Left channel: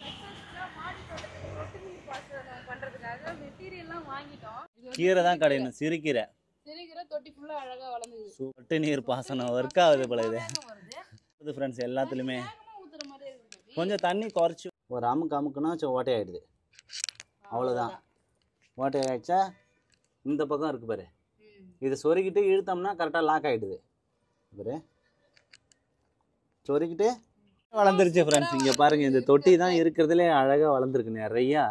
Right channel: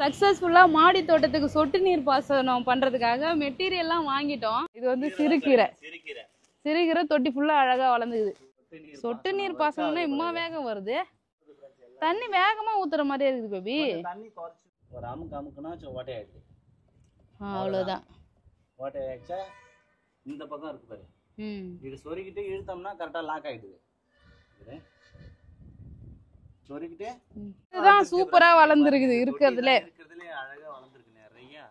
சக்சஸ்ஃபுல்லா மாடி தோட்டத்துக்கு சொட்டு நீர் பாசனம் பண்றதுக்காக மெட்டீரியல்லாம் வாங்கிட்டோம். இது வந்து சிறுகீரை தொட்டி ஃபுல்லா அழகா வளர்ந்துக்குது. சொட்டு நீர் பாசனம் இம்மா வேகம் வருது. தண்ணி வேகமா ஊத்துற மாதிரியே இருக்குது பேபி. கொஞ்சம் தண்ணி குறைச்சு ஒரு அமுக்குனா ஓட்டை ஆயிடுது. அவ்வளவுதான். ஓட்டை ஆயிடுச்சா இந்த பக்கம் இருக்கு பாரு. இது சொருகிட்டு இழுத்தோம்னா கரெக்டா லாக் ஆயிடுது. பாரு சொருகிட்டு வளர்ந்துருச்சு ஃப்ரெண்ட்ஸ். பாருங்க இந்த தொட்டி தான் இருக்கிறதுல அழகா வளர்ந்துருக்கு நிறைய.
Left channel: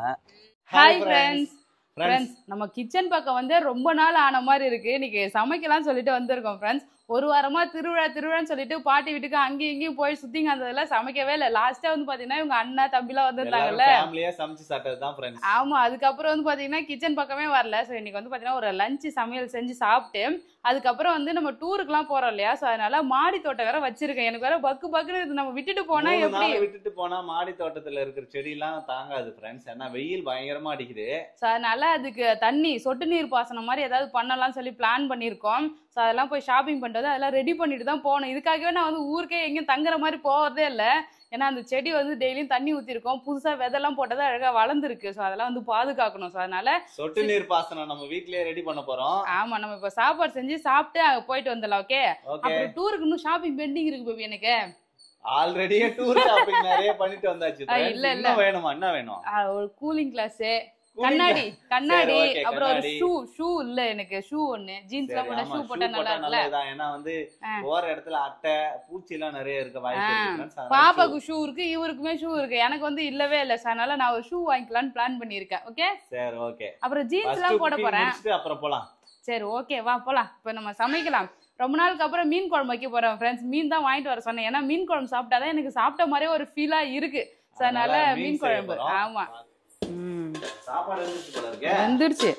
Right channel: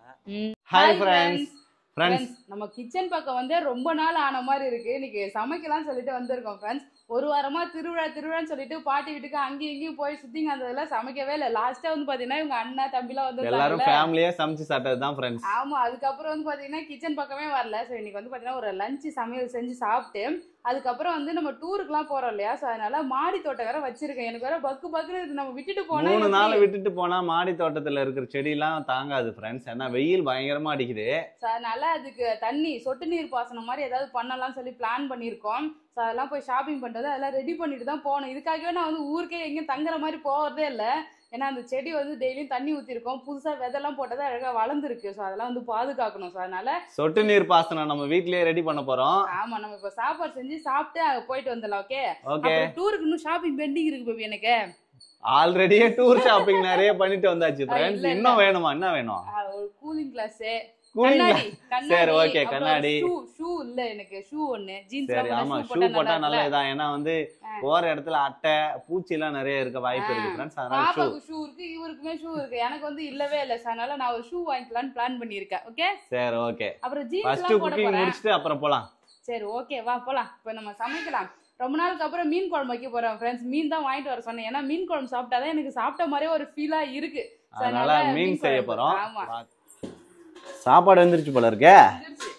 Hi friends. நம்ம கிச்சன் பக்கம் வந்து ரொம்ப நாள் ஆன மாதிரி இருக்கு. இன்னைக்கு சமைக்கலாம் சொல்லிட்டு வந்திருக்கோம் ஃப்ரெண்ட்ஸ். ஒரு வாரமா திருவிழான்னு சொல்லிட்டு பாட்டி வீட்டுக்கு அங்கேயும் இங்கேயும் போய் சுத்திங்க அதெல்ல சமைக்கவே இல்லை. லாஸ்டா வந்து பாத்தீங்கன்னா இவங்க அண்ணா தம்பிலாம் வந்திருந்தாங்கல்ல, ஃபேமிலியா சமைச்சு சாப்பிட்டதுதான் ஃப்ரெண்ட்ஸ். ஆமா, அதுக்கப்புறம் வந்து பாத்தீங்கன்னா கிச்சன் பக்கமே வரல. ஸோ இன்னைக்கு வந்து பாத்தீங்கன்னா ஒரு லஞ்ச் சமையல் செஞ்சு சாப்பிட்டு அதுக்கப்புறம் வந்து நம்ம டூருக்குலாம் போறோம் இல்லையா, ஸோ அதனால மாடி தோட்டம் வேற வச்சிருக்கேன். எனக்கு வேற பக்குன்னு நம்ம விட்டுட்டு போனா மாடி தோட்டத்துல இருக்கிற செடி எல்லாம் தாங்காது ஃப்ரெண்ட்ஸ். ஏன்னா வெயில் பயங்கரமா அடிக்குது. ஸோ அதனால அதுக்கு தண்ணி சொட்டு நீர் பாசனம் மாதிரி ஏதாவது பண்ணலாம் சொல்லி பிளான் பண்ணியிருக்கோம். ஸோ அதெல்லாம் போய் ஷாப்பிங் பண்ணுறது அதெல்லாம் ரெடி பண்ணிட்டு தான் போகணும். இதுக்காகவே நான் வந்து ஊருக்கே எங்கேயும் தங்குற மாதிரி போகிறதே இல்லை. ஏன்னா அந்த செடி வந்து டெய்லியும் தண்ணி ஊற்றிருக்கோம், புதுசாக விதெல்லாம் போட்டது அழகாக வளர்ந்துருக்கு. ஸோ அதெல்லாம் வந்து பாதுகாக்கணும். ஸோ அதனால சொட்டு நீர் பாசனம் நம்ம வீட்லயே ரெடி பண்ண போறோம். ஆமா, நம்ம இப்போ சாப்பாடு செஞ்சு சாப்பிட்டு அங்கே போயிட்டு வந்துடலாம். ஓகே, டூருக்கு இன்னும் ஷாப்பிங் பெண்டிங் இருக்கு பேபி. எனக்கு ஆல்ரெடியே டூர் ஷாப்பிங் நிறைய பண்ணிட்டு வந்தாச்சு. இன்னும் வேணுமா? என்ன வேணும்? ஒரு கூலிங் கிளாஸ், கண்ணாடி, அப்புறம் ஷூ இல்ல எனக்கு ஷூ ஒன்னு, ஜீன்ஸ் போட்டா நல்லதா. ஏன்னா வந்து போற இடத்துல அட்டை பூச்சி எல்லாம் நிறைய இருக்க வாய்ப்பு இருக்கு. பாப்பாக்கு ஷூ இருக்கு, இவருக்குமே ஷூ இருக்கு, எனக்கு வந்து இல்லவே இல்ல. அதனால நான் ஒரு ஷூ வாங்கிக்கலாம்னு பிளான் பண்ணிருக்கேன். ஓகே சரி, ஓகே. அப்புறம் ஜீன்ஸ் எல்லாம் போட போறேன். அப்புறம் போலாம். சரி, ஓகே, வா போலாம். இப்ப நம்ம சமைக்கலாம். ரொம்ப நாளுக்கு அப்புறம் மீன் குழம்பு வைக்க போறோம் ஃப்ரெண்ட்ஸ். மீன் தான் வாங்கிட்டு வர சொன்னேன். ஏன்னா மீன் குழம்பு சாப்பிட்டாதான் எனக்கு சாப்பிட்ட மாதிரியே ஒரு ஃபீலா இருக்கு. அதனால மீன் செய்ய போறோம். ஆமா, சாப்பாடு வந்துருச்சு போல இருக்கே. வந்துருச்சு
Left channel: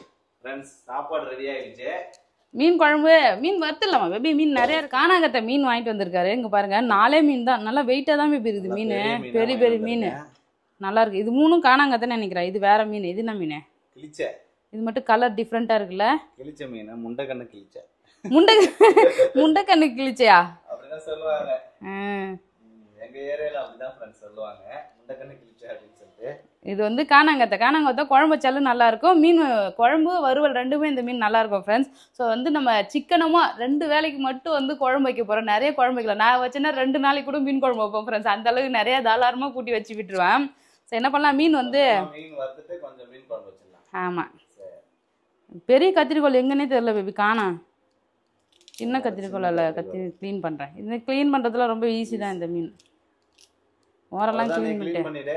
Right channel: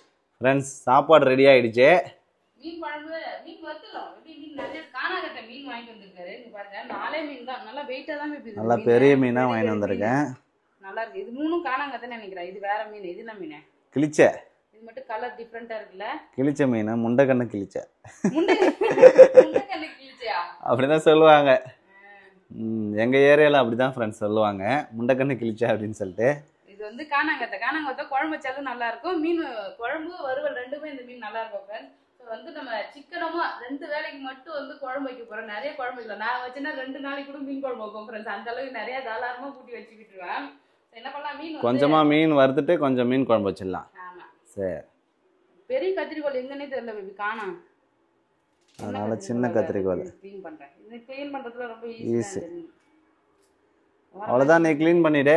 ஃப்ரெண்ட்ஸ், சாப்பாடு ரெடி ஆயிடுச்சு. மீன் குழம்பு, மீன் வறுத்துலாமா பேபி? மீன் நிறைய இருக்கு. காணாங்கத்தை மீன் வாங்கிட்டு வந்திருக்காரு. இங்க பாருங்க, 4 மீன் தான். நல்லா வெயிட்டா தான் பேபி இருக்கு. மீன் பெரிய மீன் நல்லா இருக்கு. இது 3 காணாங்கத்தைன்னு நினைக்கிறேன். இது வேற மீன். இது என்ன மீன்? கிளிச்ச. இது மட்டும் கலர் டிஃபரெண்டா இருக்குல்ல. கிளிச்ச மீன், முண்டக்கண்ணு கிளிச்ச. முண்டக்கண்ணு கிளிச்சையா? அப்படிதான் சொல்லுவாங்க எங்க ஏரியால. அப்படிதான் ஃப்ரெண்ட்ஸ் சொல்லுவாங்க, முண்டக்கண்ணு கிளிச்ச அப்படின்னு சொல்லிட்டு. இது வந்து காணாங்கத்தை குழம்பு வச்சாலும் நல்லா இருக்கும். மீன் குழம்பு வறுவல் ரெண்டுமே இந்த மீன் நல்லா இருக்கும் ஃப்ரெண்ட்ஸ். ஸோ வந்து நம்ம சிக்கனமா 2 வேளைக்கு மட்டும் வந்து குழம்பு வைக்க போறோம். நிறைய குழம்பு வைக்கலாம். நான் வச்சேன்னா 2 நாளைக்கு கூட மீன் குழம்பு வைப்போம் ஃப்ரெண்ட்ஸ். அந்த அளவுக்கு நிறைய தாராளமா கூட்டி வச்சு விட்டுருவேன். ஸோ என்ன பண்ணலாம், மீன் வந்து கொஞ்சமா மீன் வறுத்துட்டு கொஞ்சம் மீன் குழம்பு வச்சிடலாம். ஆமா, சரி. பெரிய கத்திரிக்கோள் எங்கன்னே தெரியல பேபி, காணோம். சின்ன கத்திரிக்கோள் க்ளீன் பண்றேன். இது க்ளீன் பண்றதுல ரொம்ப ஈஸி தான். இந்த மீன் அவ்வளவுதான், நீ க்ளீன் பண்ணிடு.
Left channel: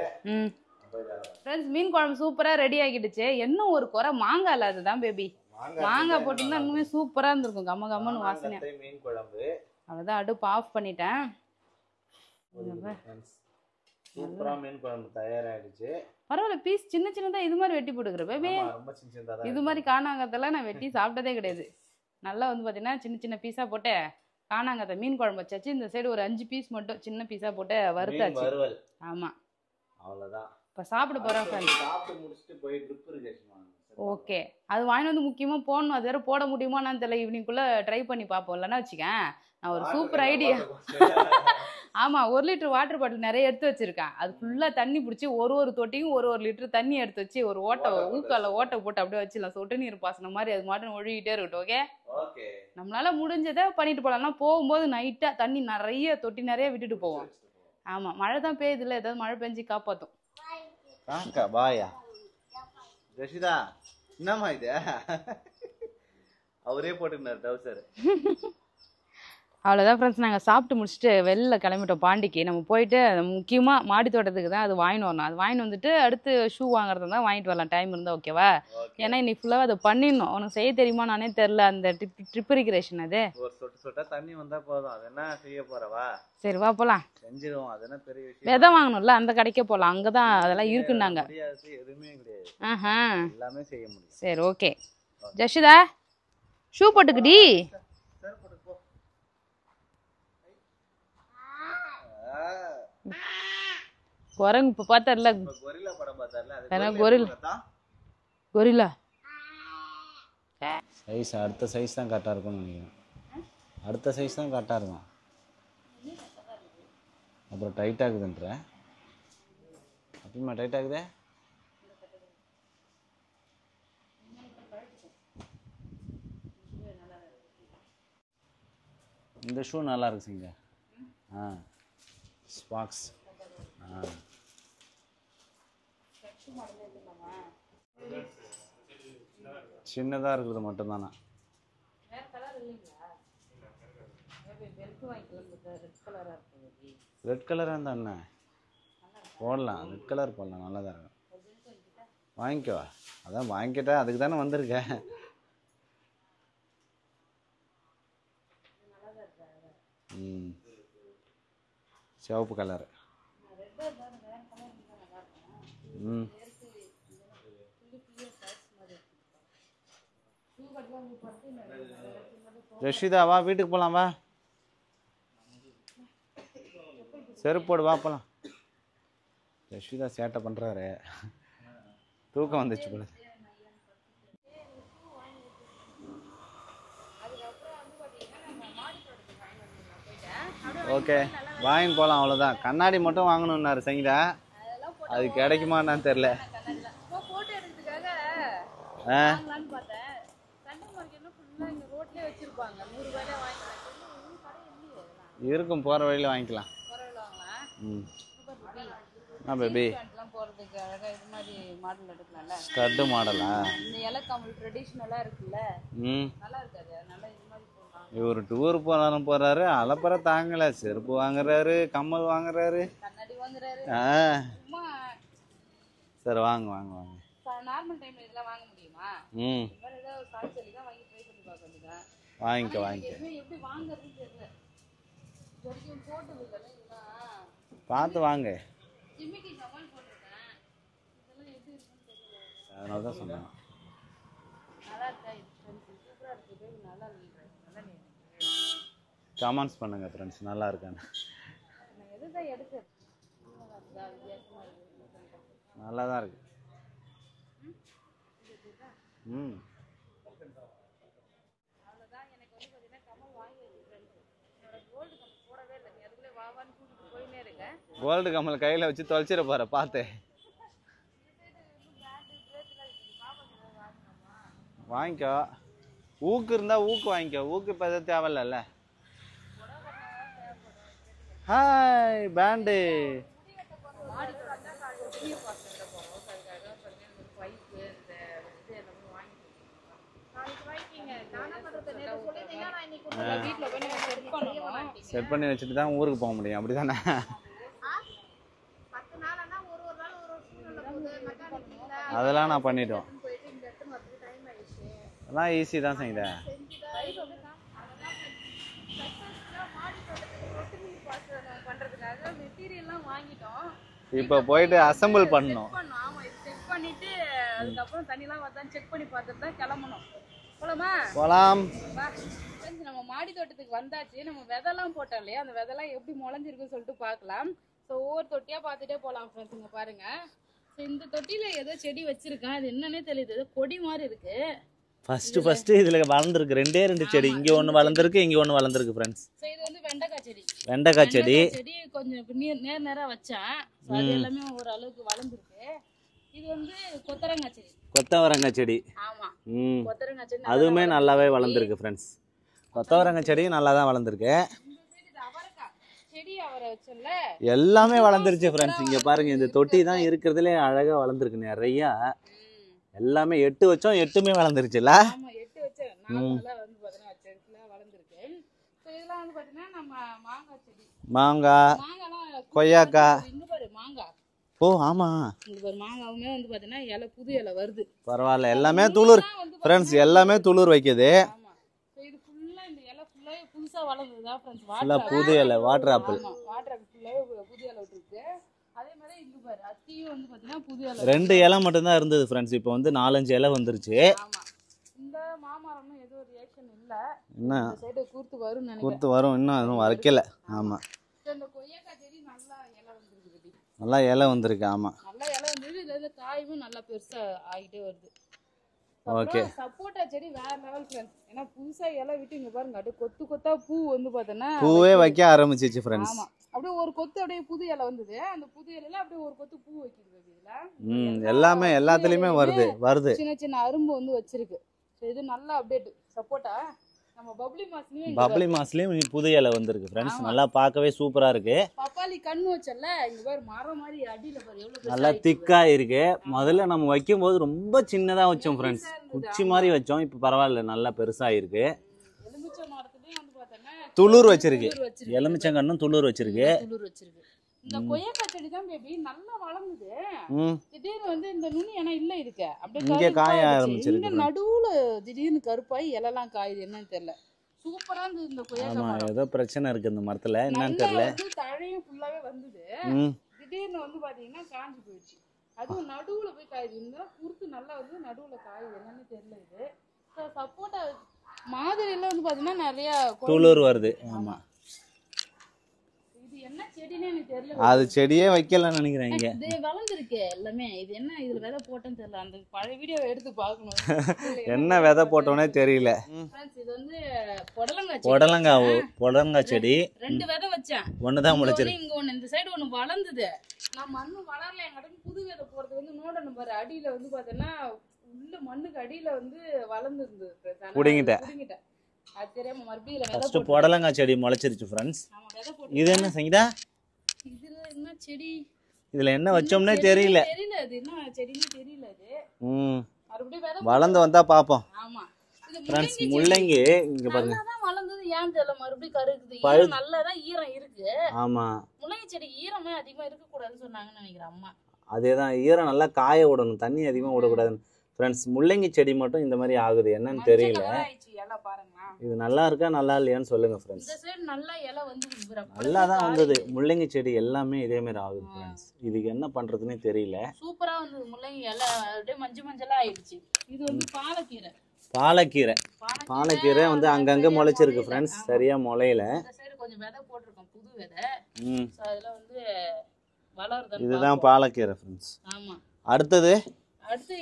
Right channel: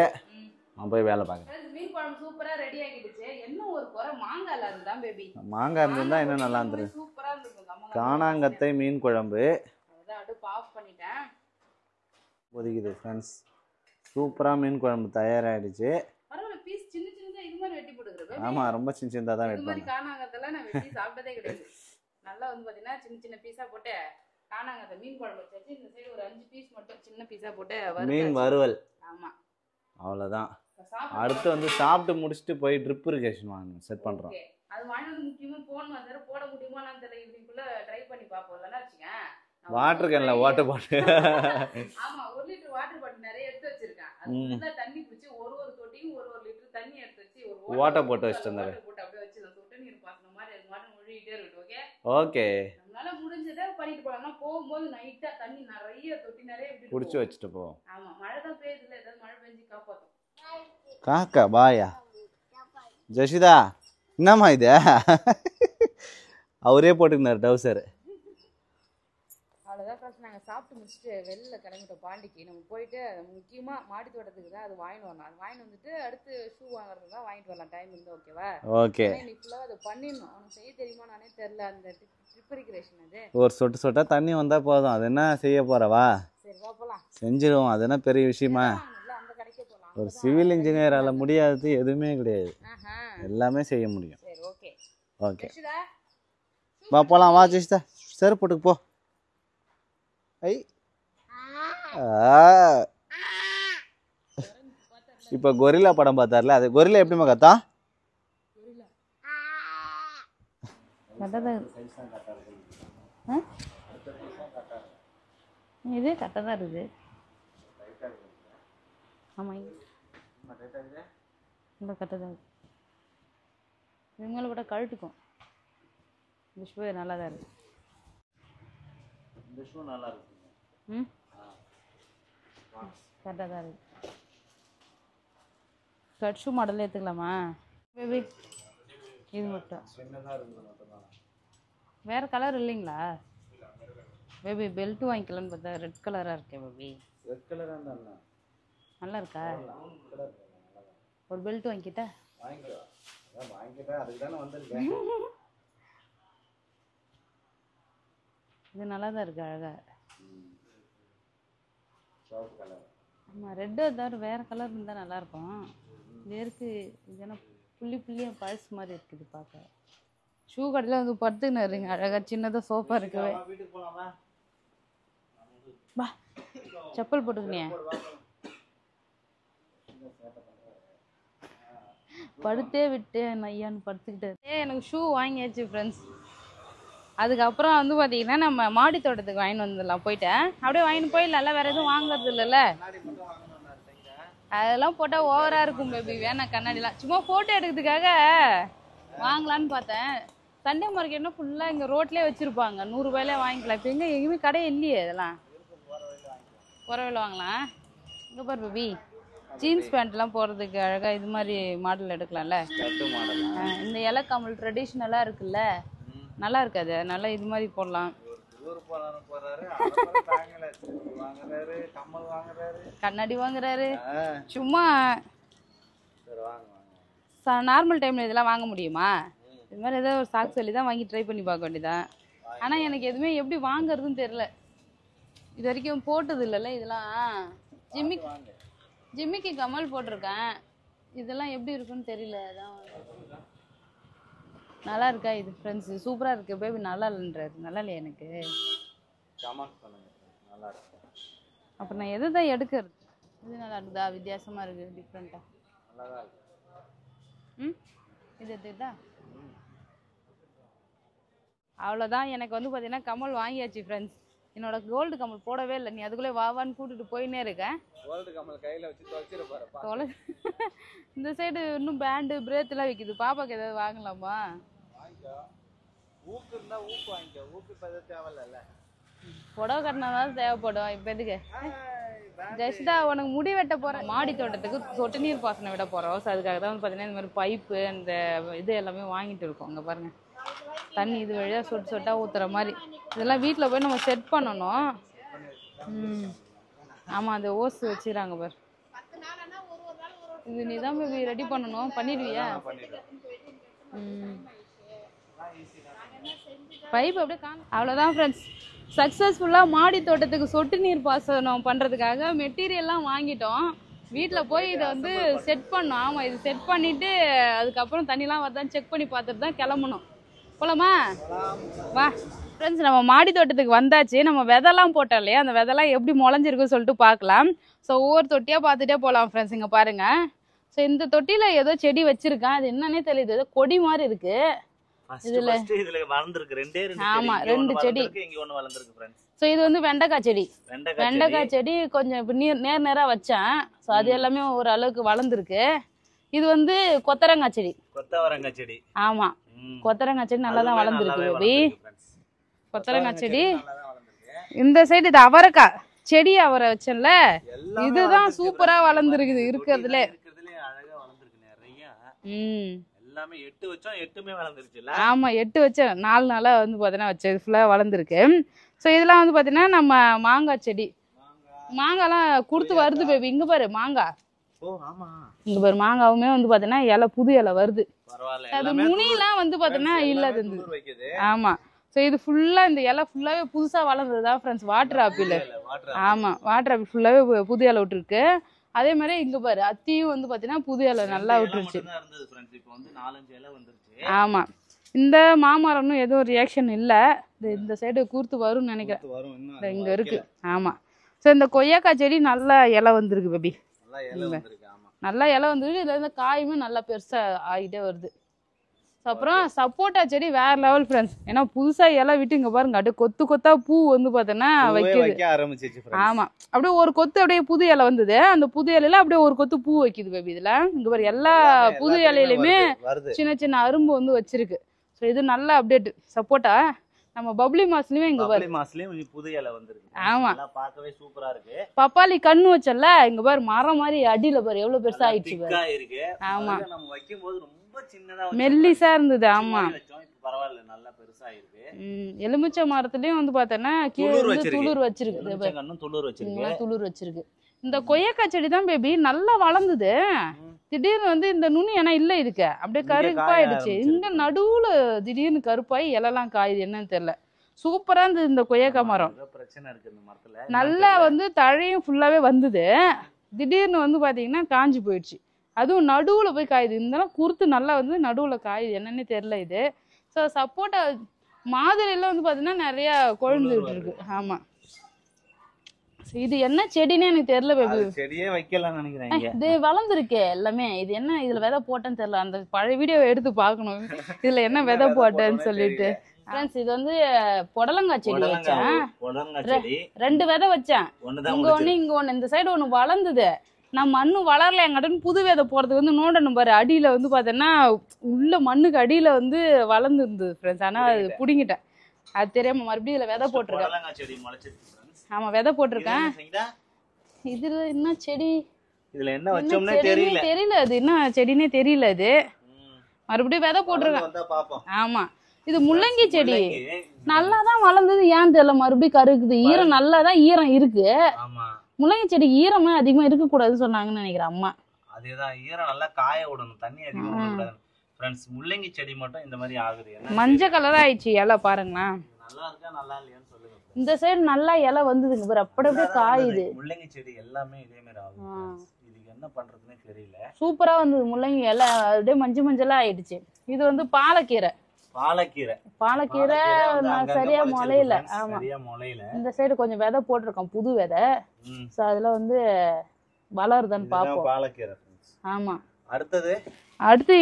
நான் போய் வேலை பார்க்கறேன். फ्रेंड्स, மீன் குழம்பு சூப்பரா ரெடி ஆகிடுச்சு. என்ன ஒரு குறை, மாங்காய் இல்ல. அதுதான் பேபி, மாங்காய் இருந்தா என்ன நல்லா இருக்கும், சூப்பரா இருந்திருக்கும். காணாங்கத்தை மீன் குழம்பு. அதான் அடுப்பு ஆஃப் பண்ணிட்டேன். ஒதுக்குது फ्रेंड्स. சூப்பரா மீன் குழம்பு தயாராயிடுச்சு. பரவாயில்ல, பீஸ் சின்னதா இது மாதிரி வெட்டி போட்டுக்கற பேபி. ஆமா, ரொம்ப சின்னதா தான். இது மாதிரி காணாங்கத்தல நான் வெட்டி சாப்பிட்டதே கிடையாது. நல்லா வந்து பாத்தீங்கன்னா சின்ன பீஸா போட்டு காணாங்கத்தை மீன் குழம்பு வச்சாச்சு. இந்த சைடு ஒரு 5 பீஸ் மட்டும் சின்ன பீஸா போட்டு மீன் வறுவல். ஆமா, அவ்வளவுதான். இப்ப சாப்பிட போறோம். அடுத்து வந்து சாப்பிட்டு முடிச்சிட்டு போய் ட்ரிப் இரிகேஷன் செட் பண்றோம். ஓகே, அது வாங்கி வந்து முக்கியமா போடணும். அது வேற போட முடியுமான்னு தெரியல. ஈவினிங்குள்ள ட்ரை பண்ணி பாப்போம். இல்லன்னா வச்சுக்கேன், வாட்டர் பாட்டில். ஆமா, 1 லிட்டர் வாட்டர் பாட்டில் நிறைய எடுத்து வச்சிருக்கேன். அது ஃபுல்லா தண்ணி பிடிச்சி ஒரு தொட்டியும் 1 லிட்டர் தண்ணி எடுத்து வச்சு ஒரு ஓட்டை போட்டு அப்படியே வச்சிடலாம். சொட்டு நீர் பாசனம் மாதிரி அது மட்டும் ஒழுகிட்டே இருக்கட்டும். ஓகே ஓகே, நம்மளால முடிஞ்சதை பண்ணிட்டு போலாம்னா போகும்போது நைட்டா தண்ணி நிறைய தொட்டி நிறைய விட்டுட்டு வச்சுட்டு போவோம். ஆமா, மழை தான் பெய்யுது இல்ல, ஏதாவது மழை பெஞ்சு காப்பாத்தும். காக்கா பாயா ஜஷிதா, என்னம்மா இது? அவரே போட்டுக்கினார் டவுசர். அவ்வளோதான் ஃப்ரெண்ட்ஸ், நாங்கள் சாப்பிட்டு முடிச்சுட்டு வெளில கிளம்பிட்டோம் பாண்டிக்கு. நம்ம போயிட்டு முக்கியமாக மாடி தோட்டத்துக்கு தான் அது வாங்கிட்டு வரணும். அது வாங்கிட்டு வந்துட்டு அடுத்து ஷூ வாங்குறது தான் வாங்கிட்டு வரலாம், டைம் இருந்தால். ஓகேவா? ஏன்னா இன்னைக்கு ஃபுல்லாக அதை பண்ணிடணும். உனக்கு செய்ய தெரியுமா நானே தெரில. அந்த ட்ரிப் இரிகேஷன் அது ஒரு சொட்டா தண்ணி வந்தால் போதும். அது என்ன செய்ய போறவா? சரி வா போகலாம். செஞ்சிருவோம். அது என்ன பெரிய விஷயம்? எதை வாங்கணும்ல, அந்த கடைக்கே போகலாம். அங்கே தான் அதெல்லாம் இருக்குனாங்க. முடியாது, எதுவுமே கிடையாது. எல்லாமே செய்ய முடியும். சரி ஓகே. ஜஷிதா, ஷூ போட்டுக்கிட்டி. சரி போட்டுக்கு போ. ஐ குரங்கு இப்ப பார்த்தார்ல, இப்ப கொரில்லா படம் பார்த்தார்ல, அது கொரில்லா எப்படி கத்தா? கொரில்லா சைஸ் அடுத்த சைஸ் தான் கரெக்டா இருக்கும்னு நினைக்கிறேன். அடுத்த சைஸ் தான் கரெக்டா இருக்கும். இது கரெக்டா தான் இருக்குது. அப்புறம் டைட்டா இருக்குதுன்ற. ஆமா, அப்படிமா டைட் ஆகுதே இல்லை கட்டதான் இது மேலே போட்டால் கழட்டுக்கும். இந்த ஷூ நல்லா தான் இருக்குது. இந்த ஷூ நல்லா இருக்கு சிங்க. ம் ஸ்பாக்ஸ் கரெக்டாக தான் இருக்குது. கட் ஷூ மாடலில் எடுத்துக்கலாமா பேபி? இது மட்டும் சின்னதாக இருக்குது மட்டும்தானா? வேறு கலர் இல்லைங்களா பேபி? பெல்ட்டு வாங்கிக்கலான்னு பார்த்தா ரெட் கலராக இருக்கே பேபி. ரெட் கலராக இருந்தா என்ன நல்லா இருக்கா? போடலாம், ரெட் கலர் போடலாம், நல்லா தான் இருக்கும். ஒரு பெல்ட் வாங்கிக்கிட்டா? வாங்கிக்கோ. அதான் வாங்கிக்கிட்டேன், அதுக்கு தானே வந்திருக்கேன். இது நல்லா தான் இருக்கு, அழகாக. சிவப்பு கலர். ஆமாம், ரெட்டு தவிர வேறு கலர் இருந்தால் நல்லாயிருக்கும். இது இருக்கு இதெல்லாம் புள்ளி புள்ளியாக பழசு மாதிரி இருக்குது பார்க்க. ஷூ கடையில் வந்து படுத்துக்கின்னு இருங்க அழகாக சின்னதாக சோஃபா. ரஷிதா வா, வீட்டுக்கு போகலாம் வா. வா செப்பல் போட்டு செருப்பு போடு வா போகலாம். ரஷிதா சேட்டை பண்ணுறாரு. படுத்தே விட்டு நையான்னு படுத்துக்கிட்டு. எனக்கு ஷூ வாங்கியாச்சு ஃப்ரெண்ட்ஸ். அதுக்கப்புறம் வந்து பார்த்தீங்கன்னா நம்ம மாடி தோட்டத்துக்கு வாங்கிட்டு வந்துடலாம். போயிட்டேன் அப்படியே வாங்கிட்டு போயிடலாம். வேற எதுவும் வாங்கல. கண்ணாடி மட்டும் வாங்கணும்னாரு சங்கீதா. அதெல்லாம் போட்டா ஓவரா தெரியல. நான் கண்ணாடிலாம் சும்மா போட்டோ எடுக்கிறதுக்காக வாங்கலான்னு பார்த்தேன். சண்டே மார்க்கெட்னா ஃபுல்லா இங்க ரோட்லயே வச்சிருப்பாங்க. 100 ரூபாயில வாங்கிக்கலாம். இப்போ எங்க எங்கேயுமே கடை இல்லையே. இதெல்லாம் இருக்கும், போற வழியில வாங்கிக்கலாம். போற வழியில வாங்கலாம். இங்க பாரு பேபி, ஜீன்ஸ் பேண்ட் எல்லாம் போறதுக்கு அழகா இது மாதிரி மாடல் எடுக்கலாம்ல. ஸ்கர்ட் மாடலா? இந்த இலை கமல் ட்ரெடிஷனலா இருக்குல்ல, நல்லா இருக்காது. நல்லா இது மாதிரி போடலாம். இவரு டூர் போனாலும் போறாரு, அலப்பற தாங்கல. செருப்பு வாங்குறாரு, கம்மல் வாங்குறாரு, கண்ணாடி வாங்குறாரு. சும்மா சரி வாங்க வாங்க வாங்க. நார்மல் டைம்ல இதெல்லாம் வாங்க முடியுமா? இது மாதிரி ஏதோ ஒரு சாக்கு சொல்லி தான் வாங்கி ட்ரை பண்ணி பார்க்க வேண்டியதான். ஆனா எனக்கு எதுவுமே எப்படி வாங்குறதுன்னு தெரியல. இது வரைக்கும் போட்டது இல்லைல்ல இதெல்லாம். பார்த்து வாங்க. ஜிம்மிக்கு கமல் போட்டிருக்கேன். இதெல்லாம் எப்படி இருக்குன்னு தெரியல. அதான் சொல்றேன். நல்லா இருக்கா இது ஃப்ரெண்ட்ஸ்? சூப்பரா இருக்கு பேபி. நல்லா இல்லைன்றாரு. நல்லா இல்லையா? எனக்கு கமெண்ட்ஸ் பண்ணுங்க ஃப்ரெண்ட்ஸ், நல்லா இருக்கான்னு. அப்ப நான் எது தான் எடுக்கிறது? இது நல்லா இருக்குதா? வித்தியாசமா இருக்கு, டிஃப்ரெண்டா. நல்லா தான் இருக்கு. இது எடுத்துக்கிட்டா அவ்வளோதான். எனக்கு வந்து பார்த்தீங்கன்னா கமல் வாங்கியாச்சு ஃப்ரெண்ட்ஸ். என்னோட கோல்டு கமல் போடவே இல்லை. நீ அதுக்குள்ளே வாவான்னு கூட்டிட்டு போயினே இருக்கேன். கோல்டு கமல் கையில் வச்சு தொலைச்சிட போற பார்த்து. இந்த சைடு இன்னும் பேண்டு பிரேத்லாம் விற்கிது. பாப்பாக்கு ஏதாவது வாங்கலாமா? வாங்கிக்கோ. ஊக்கு இருந்தா ஊக்கு வாங்கிக்கோ. ஊக்கு இப்போ எதாவது தேவையில்ல. புடவை கட்டினாதான் தேவைப்படும். இப்போ எதுக்கு உனக்கு முடி வெட்ட போறேன். மாடி தோட்டத்துக்கு சொட்டு நீர் பாசனம் விட போறோம். ஸோ அதுக்காக தான் வந்து பார்த்தீங்கன்னா இந்த மாதிரி பைப்பு அந்த இது எல்லாமே வாங்கிட்டு இருக்கோம். அங்கே பாருங்க, தண்ணி இது வழியா சொட்டு சொட்டா ஊத்துற மாதிரி. இதெல்லாம் வீட்டில் போய் நம்ம செட் பண்ணணும். செட் பண்ணி வச்சுட்டு தான் ஊருக்கு போக முடியும், அப்படிதானே? ஆமா, அந்த ஓஸ் வச்சுறாங்க பாரு. இது நீ தான் போய் ரெடி பண்ணணும். பண்ணி அதெல்லாம் நான் பண்ணிட்டோம். அதெல்லாம் ஈஸி தான் செய்யுங்க. பைப் அப்படியே அவ்வளோதான் ஃப்ரெண்ட்ஸ். சக்ஸஸ்ஃபுல்லாக மாடி தோட்டத்துக்கு சொட்டு நீர் பாசனம் பண்ணுறதுக்காக மெட்டீரியல்லாம் வாங்கிட்டோம். வீட்டில் போயிட்டு அசெம்பிள் பண்ணி செட் பண்ணோம். ஆமாம், இது செட் பண்ணிவிட்டு அதுக்கப்புறம் தண்ணிலாம் வருதான்னு செக் பண்ணி பார்த்துட்டு தான் கிளம்பணும். போலாமா? போகலாம் வா ஃப்ரெண்ட்ஸ். நம்ம மாடி தோட்டத்துக்கு வந்தாச்சு. நம்ம விதைலாம் போட்டோம் இல்லையா, அந்த விதைலாம் எப்படி முளைஞ்சிருக்குன்னு சொல்லிட்டு பார்க்கலாம். ஸோ ஒவ்வொரு தொட்டியாக பார்த்துட்டே போகலாம் ஃப்ரெண்ட்ஸ். இங்கே பாருங்கள். ஸோ இந்த தொட்டியில் ஏதோ செடி வச்சுருக்கேன். அது என்னன்னே தெரியுது, ஏதோ கொடி மாதிரி இருக்குது. ஃபர்ஸ்ட் இதுல வளர்ந்திருக்கு ரெண்டே செடி. இங்க ஒன்னு வளர்ந்திருக்கு, இங்க ஒன்னு வளர்ந்திருக்கு फ्रेंड्स. சோ இது வந்து வெண்டைக்காய் செடி. வெண்டைக்காய் செடி கொஞ்சம் இப்ப நேரா வச்சேன். சோ அது எல்லாமே ஒரு அளவுக்கு வளர்ந்திருக்கு. இது வந்து கொத்தரங்காய் செடி. கொத்தவரங்காய் செடி. ஆமா, கொத்தரங்காய் செடி நல்லாவே வளர்ந்திருக்கு फ्रेंड्स. கொத்தரங்காய் செடி நல்லா தான் வளர்ந்திருக்கு. இந்த சைடு இது அவரைக்காய் செடி அவரை வச்சேன்ல, எல்லாமே வளர்ந்துருச்சு ஃப்ரெண்ட்ஸ். பாருங்க, இந்த தொட்டி தான் இருக்குறதுல அழகா வளர்ந்திருக்கு நிறைய. எல்லாமே 8 வச்சோம், 8மே வளர்ந்துருச்சுல. ஆமா, 8 வச்சோம். 4 நாளா வந்து பாத்தீங்கன்னா வச்சது ஃபுல்லா வளர்ந்துருக்கு. சோ இதெல்லாம் வந்து பாத்தீங்கன்னா நம்ம மாங்காய் செடி. மாங்காய்லாம் குடுத்து வருது பேபி. இங்க பாரு மாங்காய். ஓ ஆமா, இங்க பாரு மாங்காவுமே வந்து பாத்தீங்கன்னா இலை, புது இலை வருது. பரவாயில்ல, எல்லாமே துளுர் வந்து பாத்தீங்கன்னா எல்லாமே துளுர் வைக்குது. ஆமா, ஸோ இது ஃபுல்லாக இந்த இலை ஃபுல்லாகவே புதுசாக வளர்ந்தது தான் ஃப்ரெண்ட்ஸ். Water apple. ஆமாம், வாட்டர் ஆப்பிள் ஃபுல்லாகவே புது இலை விட்டுருக்கு. அதே மாதிரி இங்கே பாரு அத்தியும் வந்து பார்த்தீங்கன்னா புது இலை. 2 இலை மட்டும்தான் இருந்தது ஃப்ரெண்ட்ஸ். இப்போ வந்து 4-5 இலை வந்துருச்சு. ஆமாம், இந்த மாமரம்னு எதுவும் ரியாக்ஷன் இல்லை. இந்த சைடு கூர்த்து வரும்னு நினைக்கிறேன். வரும், இன்னும் வைக்கல. ஆமாம், ஸோ இந்த கொய்யாக்காய் செடி நல்லா இலை வந்திருக்கு பேபி. நல்லா இலை வந்திருக்கு. ஆமாம், நல்லா இலை வந்திருக்கு. இதில் காயுமே நல்லா பெருசாக ஆகிட்டே வருது. அப்புறம் சப்போட்டா செடி வேற லெவல் ஃப்ரெண்ட்ஸ். ஏன்னா புதுசா இலை விட்டு இங்க பாருங்க அப்படியே கொத்து கொத்தா பூ வந்து பார்த்தோன்னா வைக்க ஆரம்பிச்சிச்சு ஃப்ரெண்ட்ஸ். ஆமா, அப்படியே ஒரு கொத்து அப்படியே புது இலை வந்தது. அந்த புது இலையில அப்படியே ஒரு கொத்து பூ வைக்குது பேபி. இதுல இங்க பாரு எல்லா புது இலையிலுமே சின்ன சின்ன அரும்பு வந்து வச்சிருக்கு. ஸோ இது நல்ல அப்டேட். சப்போட்டா நம்ம பப்ளி மாஸ்லயும் இங்க பப்ளி மாஸ்லயும் புது இலை வந்திருக்கு ஃப்ரெண்ட்ஸ். நல்லா பார்க்கவே சூப்பரா இருக்கு. பப்பாளி கண்ணு வச்சல இங்க பாரு மரம் மாதிரி அடியில பாரு எவ்வளவு பெருசா ஆயிடுச்சு. திக்கா இருக்கு. முதல்ல நம்ம வைக்கும்போது ரொம்ப சின்னதா வச்சோம், மெல்லிசா இருந்தது. ஆமா மாதிரி வச்சோம். இப்போ பரவாயில்ல, நல்லா பெருசா இருக்கு. எலுமிச்சை மரத்துலயும் வந்து பார்த்தேன்னா துளுர் வச்சிருக்கு. எலுமிச்சை கண்ணும் துளுர் வச்சிருக்கு. இந்த கொய்யாக்காய் செடி தான் பேபி நல்லா வளர்ந்தது. திடீர்னு வந்து இந்த நுனி ஏன்னா இல்ல இதுக்கு அப்படியே கருப்பாயிடுச்சு. இந்த நடுவுல திடீர்னு கருப்பாயி இலெல்லாம் காயுது, என்னன்னு தெரியல. சூப்பரா இருந்தது இந்த கொய்யாக்காய் மரம். ஏதோ பிரச்சனை இருக்கு இந்த மரத்துல. நல்லா வந்து தழையும் ஃபுல்லாவே வந்தது. திடீர்னு வந்து பாத்தீங்கன்னா காஞ்சி போயிடுச்சு. அதுவும் நடுவுல போய் காயுது. இருந்தாலும் குறுத்து நல்லா வந்து நடுவுல காயுது, என்னன்னு தெரியல இது. ஸோ சப்போட்டா மாதிரில வந்து பாத்தீங்கன்னா நிறைய கொழுந்து வருது. ஆமா, இது என்ன செடின்னு எனக்கு தெரியல. அது செடியே வைக்கலன்னு நினைக்கிறேன். இது வளர்ந்துருக்கே எல்லாமே. இது என்ன இதுல விதை போட்டேன்னு தெரியல. அந்த பழைய வீடியோ எடுத்து பார்க்கணும் இதுல என்ன விதை போட்டேன்னு தெரியல. ஃப்ரெண்ட்ஸ் இது வந்து புடலங்காய் செடி. 2 விதை வச்சேன். இங்க ஒண்ணு இந்த சைடு ஒண்ணு வளர்ந்தது. நான் மண்ணு வளரல எங்கன்னு புது விதை போறதுக்கு வந்து நோண்டணும் பாரு. அடியில வந்து பாத்தீங்கன்னா உள்ள மண்ணுக்கு அடியில வந்து வளர்ந்து இருந்தது ஃப்ரெண்ட்ஸ். ஆனா புடிங்கிட்டேன். அது தெரியாம மறுபடியும் இதுல விதை போட்டு புடலங்காய் செடி முளைச்சிருச்சு ஃப்ரெண்ட்ஸ். ஆமா, விதை போட்டுருக்கேன். இது என்ன சங்கீதா? இதுல என்ன செடி? இதுல என்ன வச்சோம்னே தெரியல. அது என்ன செடினே தெரியல. இது மறுபடியும் விதை வளர்ந்து வந்தா பாப்போம். ஆமா, இது முள்ளங்கி செடி. நல்லாதான் வளர்ந்தது, ஏன் தெரியல மறுபடியும் கருக்குது. ஈரம் நல்லாதான் ஈரம் இருக்கு. ஆமா, முள்ளங்கி செடிக்கு ஈரமே அதிகமா இருக்க கூடாதுன்னு சொன்னாங்கன்னு நினைக்கிறேன் அம்மா. அதேதான், ஈரம் நல்லா காய விடணும், தண்ணி அதிகமா விடக்கூடாது ஃப்ரெண்ட்ஸ். முள்ளங்கி செடி மட்டும் இந்த மாதிரி ஆகுது, என்ன மஞ்சள் கலர் ஆயிடுச்சு இலை பாருங்களா. இது நல்லா இருக்கா நல்லா இல்லையான்னு சொல்லுங்க ஃப்ரெண்ட்ஸ். இந்த சைடு நல்லா இலை வந்ததுங்க பாரு, அப்படியே காயுது. முள்ளங்கி செடி எல்லாமே இதே மாதிரி ஆகுது ஃப்ரெண்ட்ஸ். இதுக்கு என்ன பண்றதுன்னே தெரியல. சூப்பரா வந்தது முள்ளங்கி இலை, அப்படியே மஞ்சளா ஆயிடுச்சு. இது வந்து பாலக்கீரை வந்து அங்கங்க முளைச்சிருக்கு ஃப்ரெண்ட்ஸ், சரியா முளையல. இந்த சைடு கொஞ்சம் விதை போட்டிருக்கோம், புது விதை. சோ அதுல வந்து வளருதுன்னு பாப்போம். இதுதான் பாலக்கீரை ஃப்ரெண்ட்ஸ். ஆமா, அடுத்து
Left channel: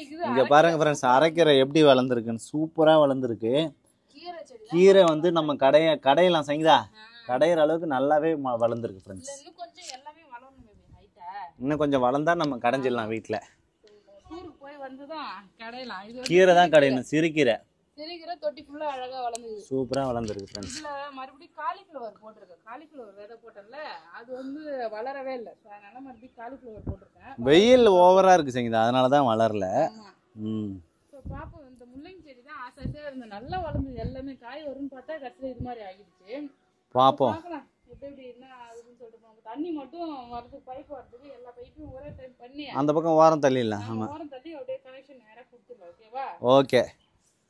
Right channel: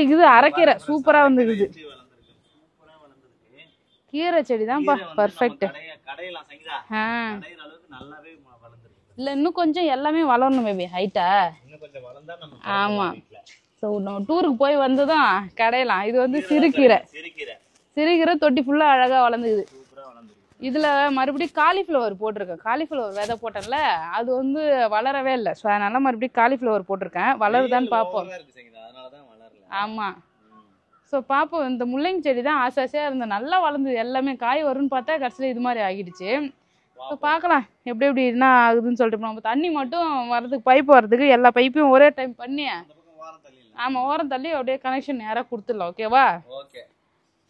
இது அரைக்கீரை. சூப்பரா அரைக்கீரை எப்படி வளர்ந்திருக்குன்னு, சூப்பரா வளர்ந்திருக்கு. கீரை செடி தான். கீரை வந்து நம்ம கடையெல்லாம் சங்கீதா கடையிற அளவுக்கு நல்லாவே வளர்ந்திருக்கு ஃப்ரெண்ட்ஸ். இல்ல இன்னும் கொஞ்சம் எல்லாமே வளரணும் பேபி, ஹைட்டா இன்னும் கொஞ்சம் வளர்ந்தா நம்ம கடையிடலாம் வீட்ல. சோ நம்ம டூருக்கு போய் வந்ததும் கடையலாம். இது வந்து சிறுகீரை தொட்டி ஃபுல்லா அழகா வளர்ந்துக்குது, சூப்பரா வளர்ந்துருக்கு. இதுல மறுபடியும் காலிஃப்ளவர் போட்டிருக்கேன். காலிஃப்ளவர் விதை போட்டேன்ல, அது வந்து வளரவே இல்லை. ஸோ அதனால மறுபடியும் காலிஃப்ளவர் போட்டிருக்கேன். ஓவரா இருக்கு சங்கீதா, அதனாலதான் வளரல. ஆமா, ஸோ பாப்போம். இந்த முள்ளங்கி செடி தான் ஆசையா இருந்த, நல்லா வளர்ந்தது. எல்லாமே காய் வரும்னு பார்த்தா கடைசியில் இது மாதிரி ஆகிடுச்சு. பார்க்கலாம் எப்படி என்ன ஆகுதுன்னு சொல்லிட்டு. நம்ம தண்ணி மட்டும் வரதுக்கு, பைப் வரதுக்கு எல்லா பைப்பையும் ஒரே டைம் பண்ணி அந்த பக்கம் ஓரம் தள்ளிடலாம். ஆமா, ஓரம் தள்ளி அப்படியே கனெக்ஷன் நேராக கொடுத்துடலாம். ஓகேவா? ஓகே.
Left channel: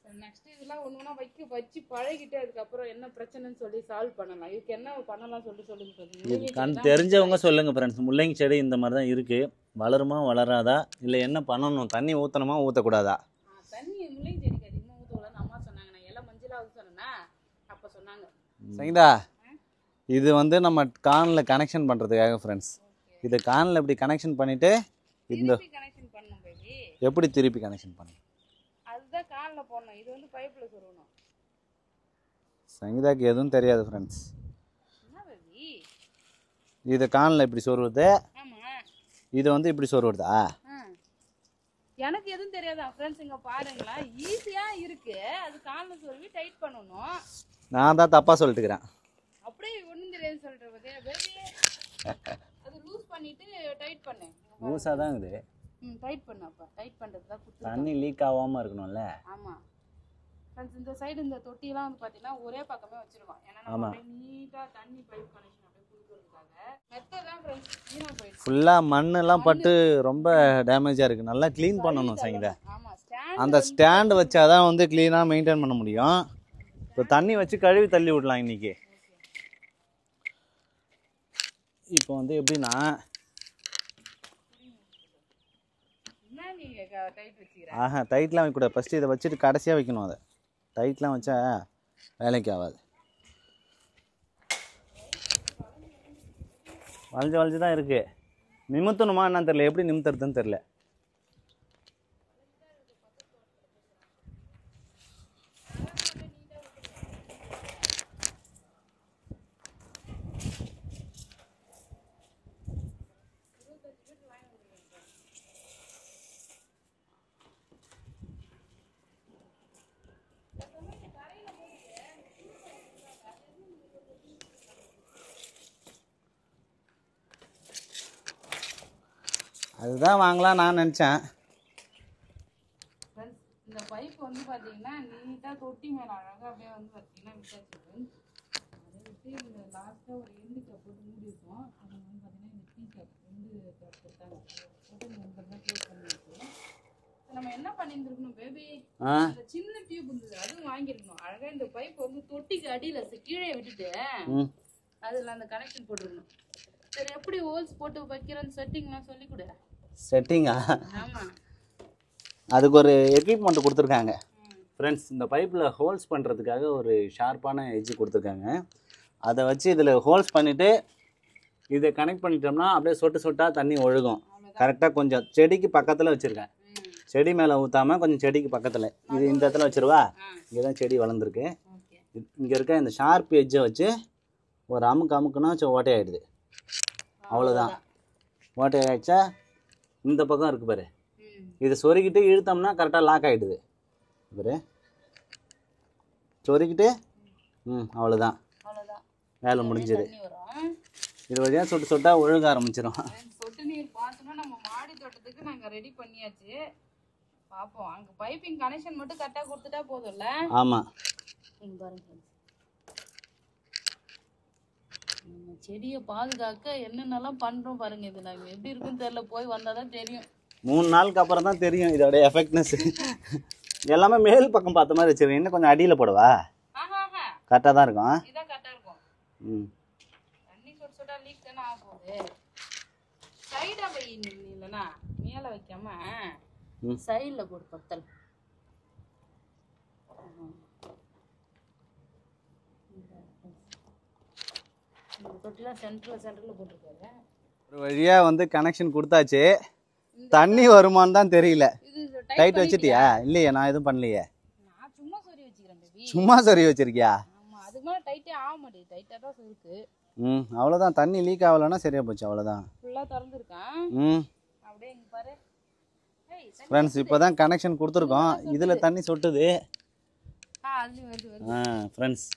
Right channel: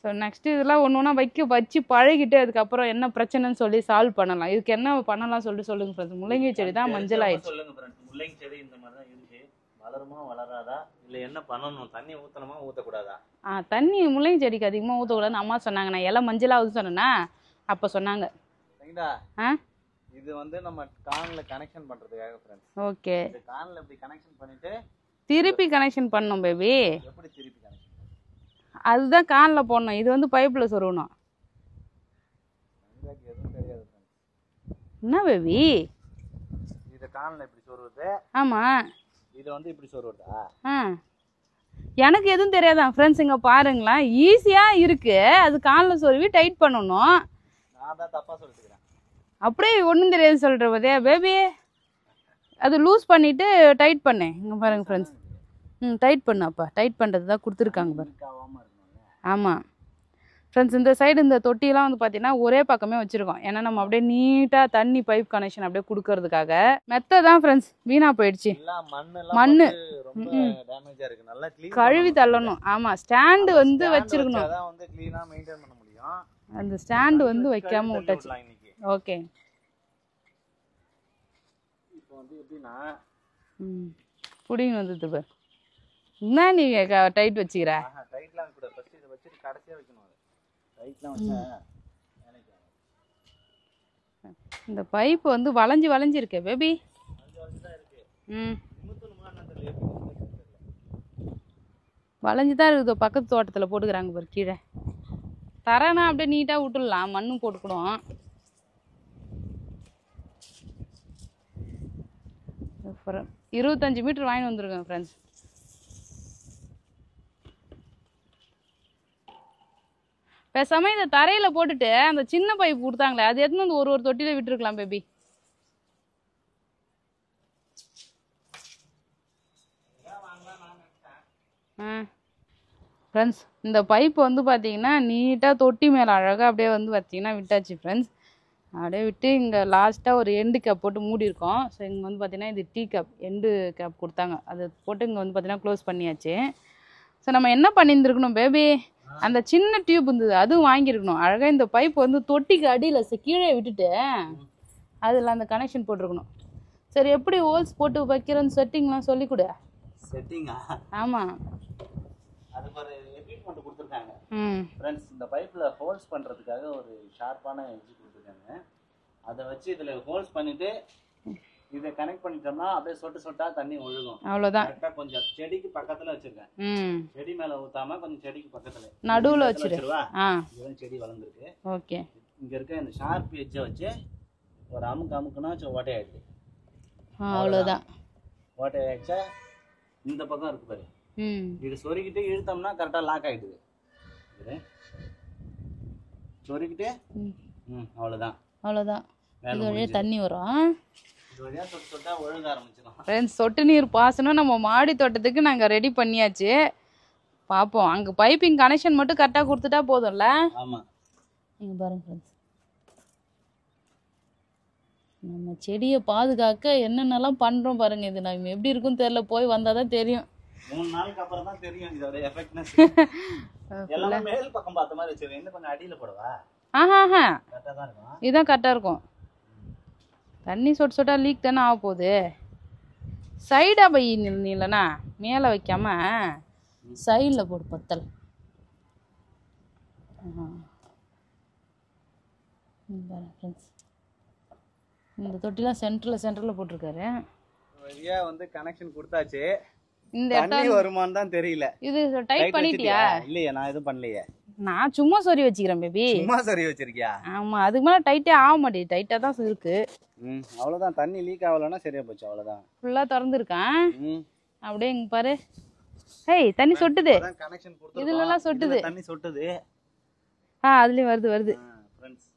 ஸோ நெக்ஸ்ட் இதெல்லாம் ஒன்று வச்சு பழகிட்டு அதுக்கப்புறம் என்ன பிரச்சனைன்னு சொல்லி சால்வ் பண்ணலாம். இதுக்கு என்ன பண்ணலாம் சொல்லுங்க ஃப்ரெண்ட்ஸ். முள்ளங்கி செடி தான் தெரிஞ்சவங்க சொல்லுங்க ஃப்ரெண்ட்ஸ். முள்ளங்கி செடி இந்த மாதிரி தான் இருக்கு, வளருமா வளராதா, இல்லை என்ன பண்ணணும், தண்ணி ஊற்றணுமா ஊற்றக்கூடாதா? தண்ணி முள்ளங்கி செடிக்கு அதிகமாக ஊற்றக்கூடாதுன்னு அம்மா சொன்னாங்க. நான் எல்லாம் மஞ்சளாகுதுன்னு சொன்னேன்னா அப்போ சொன்னாங்க. சரிங்களா? இது வந்து நம்ம கான்ல கனெக்ஷன் பண்றதுக்காக ஃப்ரெண்ட்ஸ். ஓகே, இது கான்ல இப்படி கனெக்ஷன் பண்ணிட்டு திருப்பி கனெக்ஷன் பண்ணணும் பேபி. எப்படி திருப்பி கனெக்ஷன் பண்ணணும்? அதுதான் கான்ல போடணும். இது வந்து பைப்ல சொருகணும். சங்கீதாக்கு எதுவும் தெரியாது ஃப்ரெண்ட்ஸ். என்ன பேபி இது கான்ல இப்படி சொருவுது? ஆமா, இது வந்து இப்படி சொருவுதா? எனக்கு எதுவும் தெரியாதான் ஃப்ரெண்ட்ஸ். இங்க பாருங்களேன், ஈஸியா இருக்கு. அது கான்ல சொருவி டைட் பண்ணணும். நான் தான் தப்பா சொல்லிட்டுக்கிறேன். அப்படியே ஒன்றும் தெரியாது சொல்கிற போதே பேபி. அது லூஸ் பண்ணிவிட்டு டைட் பண்ணேன். இங்கே பாருங்க ஃப்ரெண்ட்ஸ். டைட் பண்ணு. அப்போ டைட் பண்ணுறது தான் கொடுத்துருக்காங்க. லீக் ஆகாமல் இருக்கணும்ல. ஆமாம் ஃப்ரெண்ட்ஸ், இந்த சைடு இந்த தொட்டியெல்லாம் வந்து பார்த்தீங்கன்னா ஒரே பக்கமே வச்சுருக்கோம். ஏன்னா நம்ம அப்படியே நீட்டாக தண்ணி பைப் கனெக்ஷன் அப்படியே கொடுக்கறதுக்காக. மெத்த தான் ஃப்ரெண்ட்ஸ் வீணாக போயிடுச்சு. எல்லாம் மண்ணெல்லாம் பட்டு ரொம்ப டேமேஜாக இருக்குது. நல்லா க்ளீன் கழுவி தள்ளணும். ஆமாம், ஸ்டாண்டு வச்சாதான் வந்து க்ளீனாக மெயின்டைன் பண்ண முடியும். அந்த ஸ்டாண்ட் தண்ணி வச்சு கழுவி தள்ளி விடலாம் இன்னைக்கு. ஓகே, இப்போ வந்து எப்படின்னா புடிங்க வந்தது பாரு. என்ன நீ டைட் வச்சுக்கிற? டைட்லாம் வைக்க கூடாது. ஃபர்ஸ்ட் இதை வச்சுட்டு கடைசியாக வைக்கணும். அதை டைட்லாம் வச்சா வேலைக்கு ஆகாது. இந்த பைப் வந்து வளைஞ்சு இருக்கு பேபி. வளைஞ்சு தான் இருக்கு. நிமித்தணுமா என்னன்னு தெரியல, எப்படி நிமித்துறதுன்னு தெரியல. வளைஞ்சு தான் இருக்குது. பக்கத்து தோட்டத்தில் போட்டுக்கிறாங்க பாரு கீழே. தரேன்னா அப்படியே நீட்டாக விட்டுடலாம், மண்ணும் போட்டுக்கிடும். அப்புறம் 25 மீட்டர் வாங்கி வந்துருக்கேன் ஃப்ரெண்ட்ஸ். பேசாம இதை தரையில போட்டுட்டு அந்த சின்ன பைப் கொடுத்தாங்களே அது எடுத்துன்னு வந்து ஒரு தொட்டியில விட்டுருக்கலாம் பேபி. அதுதான் வாங்கலாம் நான் நினச்சேன். ஃப்ரெண்ட்ஸ் இந்த பைப் வந்து பார்த்தீங்கன்னா நீட்டாக தொட்டி மேலே அழகாக அப்படியே வந்து பார்த்தீங்கன்னா விட்டாச்சு ஃப்ரெண்ட்ஸ். அப்படியே விட்டு இங்கே லாஸ்ட்டாக ஒரு எண்டு கேப் போட்டு மூடியிருக்கோம். ஸோ இங்கே வந்து பார்த்தீங்கன்னா இது டீ கேப் எண்டு கேப் கொடுத்தாங்க, அதை போட்டு இங்கே வந்து பார்த்தீங்கன்னா க்ளோஸ் பண்ணியாச்சு. ஸோ நம்ம என்ன பண்ணியிருந்துருக்கணும் பேபி, அந்த சின்ன டியூப் இருந்தது அதுவும் வாங்கியிருக்கணும். அழகாக இந்த பைப் வந்து தொட்டிக்கு அடியில் கீழே விட்டுட்டு அதில் அந்த கனெக்ஷன் போட்டிருக்கணும். சரி எப்படி ஹோல்ஸ் போட்டு வைக்கிறேன்னு செட்டிங்லாம் சொல்லி கொடு. செட்டிங்கா? ஆமாம், அதுக்கு ஒரு எக்யூப்மெண்ட் கொடுத்துருக்காங்க ஃப்ரெண்ட்ஸ். இந்த பைப்பில் ஹோல்ஸ் பண்ணுறதுக்காக ஒரு ஷார்ப்பான எட்ஜ் கொடுத்துருக்காங்க. அதை வச்சு இதில் ஹோல்ஸ் பண்ணிவிட்டு இதை கனெக்ட் பண்ணிட்டோம்னா அப்படியே சொட்டு சொட்டாக தண்ணி ஒழுகும். அவ்வளோதான். கரெக்டாக கொஞ்சம் செடிக்கு பக்கத்தில் வச்சுருக்கேன். செடி மேலே ஊற்றாம கொஞ்சம் செடிக்கு பக்கத்தில் நடுவில் வச்சுருவா. இங்கே தான் செடி வளர்ந்துருக்கு. ஓகே. இங்கே இருக்க இந்த ஷார்ப் எட்ஜை வச்சு ஒரு அமுக்குனா ஓட்டையாயிடுது. அவ்வளோதான். ஓட்டையாயிடுச்சா இந்த பக்கம் இருக்கு பாரு, இதை சொருகிட்டு இழுத்தோம்னா கரெக்டாக லாக் ஆகிடுது பாரு. சொருகிட்டு அவ்வளோதான். வேலை முடிஞ்சு தண்ணி வரும். இது வழியாக சொட்டு சொட்டாக ஒழுக ஆரம்பிச்சிடும். சொட்டு நீர் பாசனம் நம்ம மாடி தோட்டத்துக்கு நாங்கள் ரெடி பண்ணியாச்சு. பார்ப்போம், அங்கே பைப்பிங் கனெக்ஷன் மட்டும் கரெக்டாக கொடுத்துட்டா போதும்ல. ஆமாம். இங்கே பாருங்க ஃப்ரெண்ட்ஸ், நம்ம செடியை பாதுகாக்க என்னென்னலாம் பண்ணுறோம் பாருங்க. இது நம்ம எப்படி இருக்குன்னு தெரியல, போய் வந்தால் தான் தெரியும். 3 நாளுக்கு அப்புறம் தான் தெரியும் இதோட எஃபெக்ட்னஸ். எல்லாமே மேல் பக்கம் பார்த்த மாதிரி வச்சிருக்கேன். இன்னும் கொஞ்சம் அடியில் போடவா? கரெக்டாக தான் இருக்கும். இதுதான் கரெக்டாக இருக்கும். தண்ணி சொட்டு சொட்டா லீக் தானே ஆக போகுது. சைடாக பை இல்லைண்ணா, மேலே வைக்காம சைடில் போடு பத்தல். இந்த தொட்டிலாம் சென்டரில் போட்டிருக்காரு. ஒரு வழியாக வந்து கனெக்ஷன் கொடுத்தாச்சு. தண்ணி வருமானு தான் தெரியல. இது டைட் வச்சிட்டியா? இல்லையே, நான் எதுவும் பண்ணலையே. நான் சும்மா சொறி வச்சுக்கிறேன் பேபி. சும்மா சொறி வச்சிருக்கியா? ஆமா, அதுக்கு மேல டைட்டே ஆக மாட்டேங்குது. டைட்டா தான் இருக்கு. அவ்வளவுதான். தண்ணி லீக் ஆகலன்னா சரியா போச்சு. அவ்வளவுதான். ஃபுல்லா திறந்துருக்கேன். அப்படியே இங்க பாரு. ஹேய், தண்ணி சொட்டுது. இப்போதான் கனெக்ஷன் கொடுத்துருக்கோம். இதுல தண்ணி சொட்டுது. அதுலயும் வருது. ஃப்ரெண்ட்ஸ்,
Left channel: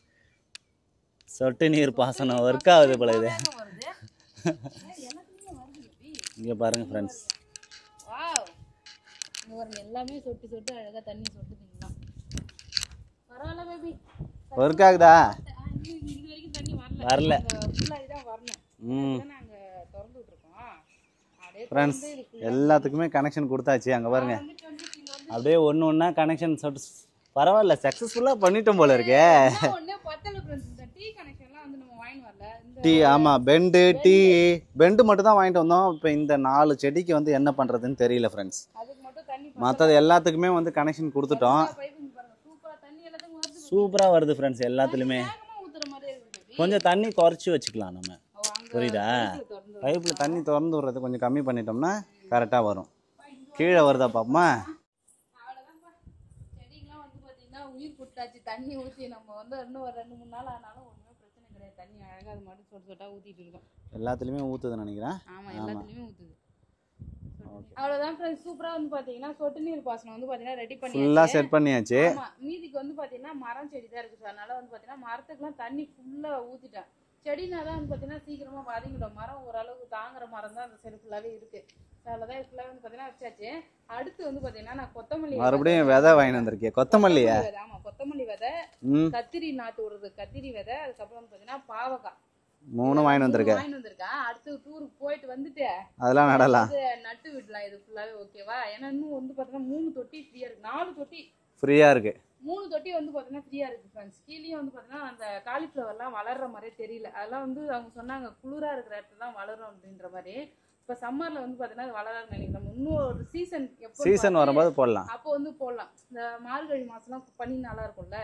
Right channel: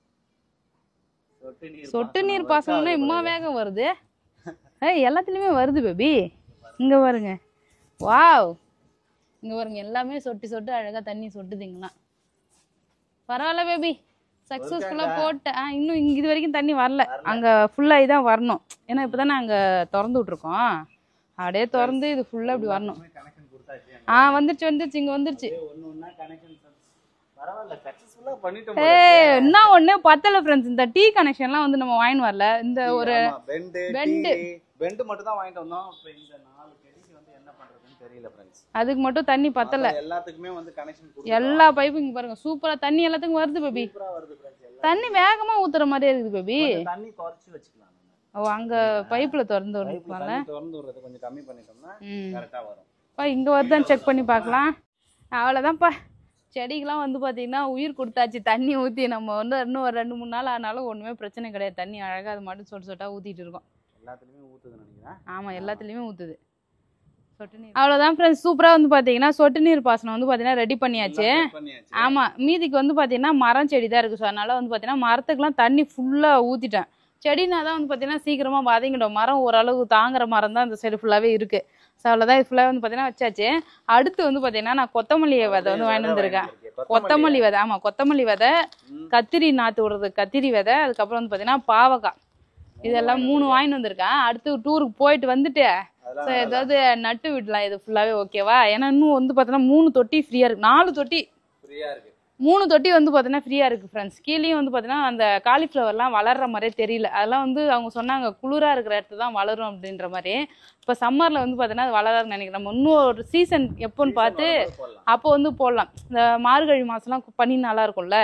சொட்டு நீர் பாசனம் வர்க் ஆகுது. இம்மா வேகம் வருது. ஏய், எல்லாத்துலயுமே வருது பேபி. இங்க பாருங்க. வாவ், இங்க பாருங்க, எல்லாமே சொட்டு சொட்டு அழகா தண்ணி சொட்டுதுங்களா. பரவாயில்ல பேபி, இன்னும் இது வரைக்கும் தண்ணி வரல. அங்க ஃபுல்லா இதான் வரணும். ஏன்னா இப்பதானே அங்க திறந்து விட்டுருக்கோம். அப்படியே திறந்து இது ஃபுல்லா எல்லாத்துக்குமே கனெக்ஷன் கொடுத்தாச்சு. அங்க வந்துச்சு இங்க வந்துச்சு. அப்படியே ஒண்ணா கனெக்ஷன் சொட்டு. பரவாயில்ல, சக்சஸ்ஃபுல்லா பண்ணிட்டோம் போல இருக்கு. என்ன ஒண்ணு பத்தல ஃப்ரெண்ட்ஸ், இந்த டீ கனெக்ஷன்லாம் வந்து நம்ம வாங்கிட்டு வரல. இந்த ஆமா, பெண்ட் மட்டும் தான் வாங்கிட்டு வந்தோம். இப்போ இந்த 4 செடிக்கு வந்து என்ன பண்றதுன்னு தெரியல ஃப்ரெண்ட்ஸ். அதுக்கு மட்டும் தண்ணி பத்தல. எல்லாத்துக்குமே வந்து கனெக்ஷன் கொடுத்துட்டோம். எல்லா பைப்பும் பாருங்க, சூப்பரா தண்ணி எல்லாத்துக்கும் வருது பேபி. சூப்பரா வருது ஃப்ரெண்ட்ஸ். எல்லாத்துக்குமே தண்ணி வேகமா ஊத்துற மாதிரி இருக்குது பேபி. கொஞ்சம் தண்ணி குறைச்சு வச்சுக்கலாம் நம்ம. அங்க பைப்ல திறந்து வரும். பைப்ல தண்ணி திறந்து விடுறது கொஞ்சம் கம்மி பண்ணிட்டோம்னா கரெக்டா வரும். இங்க வந்து செக் பண்ணி பார்க்கலாம். அவ்வளவுதான்ப்பா. செடிக்கெலாம் வந்து பார்த்தீங்கன்னா உயிர் கொடுத்தாச்சு. தண்ணி ஊற்றி நம்ம வந்து இன்னும் ஒரு 2-3 நாள் ஆனாலும் ஒன்றுமே பிரச்சனை கிடையாது. தண்ணி அழகாக அது மட்டும் சொட்டு சொட்டாக ஊற்றிட்டு இருக்கோம். எல்லாத்துலேயுமே ஊற்றுதுன்னு நினைக்கிறேன். ஆமாம், எல்லாத்துலேயுமே ஊற்றுது. சொட்டு நீர் அவ்வளோதான் ஃப்ரெண்ட்ஸ். சூப்பராக வந்து பார்த்தீங்கன்னா சொட்டு நீர் பாசனம் வந்து பார்த்தீங்கன்னா ரெடி பண்ணியாச்சு. ஆமாம், மீதிக்கு வந்து பார்த்தீங்கன்னா மரம் செடி தான் இருக்குது. ஸோ அதனால் வந்து பார்த்தீங்கன்னா மரத்துக்குலாம் தண்ணி ஃபுல்லாக ஊற்றிட்டேன். செடினா தான் வந்து பார்த்தீங்கன்னா சீக்கிரமாக வதங்கிடும். மரம் ஓரளவு தாங்குற மரம் தான் இந்த சைடு ஃபுல்லாகவே இருக்குது. ஸோ அவ்வளோதான். இது ஃபுல்லாக வந்து பார்த்தீங்கன்னா வச்சாச்சு. அடுத்து வந்து பார்த்தீங்கன்னா நான் கொத்தமல்லி விதை வந்து வாங்கியிருக்கேன். கொத்தமல்லி விதை. ஆமாம், கொத்தமல்லி விதை, கத்திரி நாற்று விடுறது கத்திரி விதை, அதுக்கப்புறம் வந்து பார்த்தீங்கன்னா பாவக்காய். இதெல்லாம் 3 வாங்கிட்டு வந்திருக்கேன். அடுத்து டூருக்கு போயிட்டு வந்துட்டு ஏதாவது நட்டு விடலாம். இது ஃபுல்லாகவே ஓகேவா? ஏன்னா இன்னும் வந்து பார்த்தீங்கன்னா 3 தொட்டி ஃப்ரீயாக இருக்குது. 4 தொட்டி ஃப்ரீயாக இருக்குது. 3 தொட்டி வந்து பார்த்தீங்கன்னா ஃப்ரீயாக இருக்குது ஃப்ரெண்ட்ஸ். கீழேயும் வந்து பார்த்தீங்கன்னா அந்த காலிஃப்ளவர்லாம் வளர்கிற மாதிரியே தெரியல. அதெல்லாம் வந்து அவங்க சொன்னாங்க குளிராக இருக்கிற இடத்துல தான் வளரும் அப்படின்ற மாதிரி. இப்போ சம்மரில் வந்து பார்த்தீங்கன்னா அது வளராதுன்னு நினைக்கிறேன். நம்ம இன்னும் ஒரு சீசன் எப்போன்னு பார்த்து அப்போ வந்து போடலாம். இந்த மார்கழி மாதம்லாம் பண்ணி நல்லா இருக்கும்ல.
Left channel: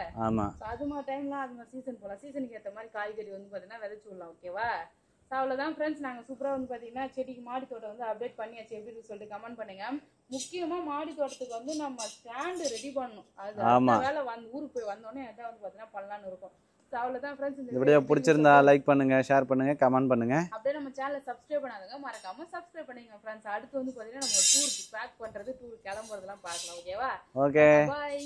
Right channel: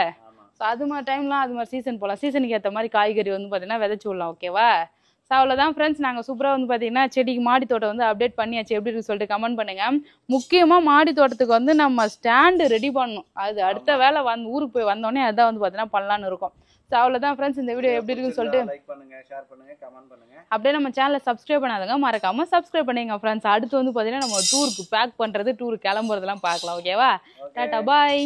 அது மாதிரி டைம்லாம் அது மாதிரி சீசன் போடலாம். சீசனுக்கு ஏற்ற மாதிரி காய்கறி வந்து பார்த்தீங்கன்னா விதைச்சி விடலாம். ஓகேவா? ஸோ அவ்வளோதான் ஃப்ரெண்ட்ஸ், நாங்கள் சூப்பராக வந்து பார்த்தீங்கன்னா செடிக்கு மாடி தோட்டம் வந்து அப்டேட் பண்ணியாச்சு. எப்படி இருக்குன்னு சொல்லிட்டு கமெண்ட் பண்ணுங்கள். முக்கியமாக மாடி தோட்டத்துக்கு வந்து நம்ம ஸ்டாண்டு ரெடி பண்ணணும். அது அடுத்த வேலை ஊருக்கு போய் வந்தோடனே அதான் வந்து பார்த்தீங்கன்னா பண்ணலான்னு இருக்கும். ஸோ அவ்வளோதான் ஃப்ரெண்ட்ஸ், இந்த வீடியோ எப்படி இருக்குன்னு சொல்லிட்டு லைக் பண்ணுங்க, ஷேர் பண்ணுங்க, கமெண்ட் பண்ணுங்க. அப்படியே நம்ம சேனலை சப்ஸ்கிரைப் பண்ணாதவங்க மறக்காம சப்ஸ்கிரைப் பண்ணுங்க ஃப்ரெண்ட்ஸ். அடுத்து வந்து பார்த்தீங்கன்னா நம்ம டூருக்கு பேக் பண்ணுறது, டூருக்கு கிளம்புறதெல்லாம் பார்க்கலாம். ஓகேவா? ஓகே, பாய்.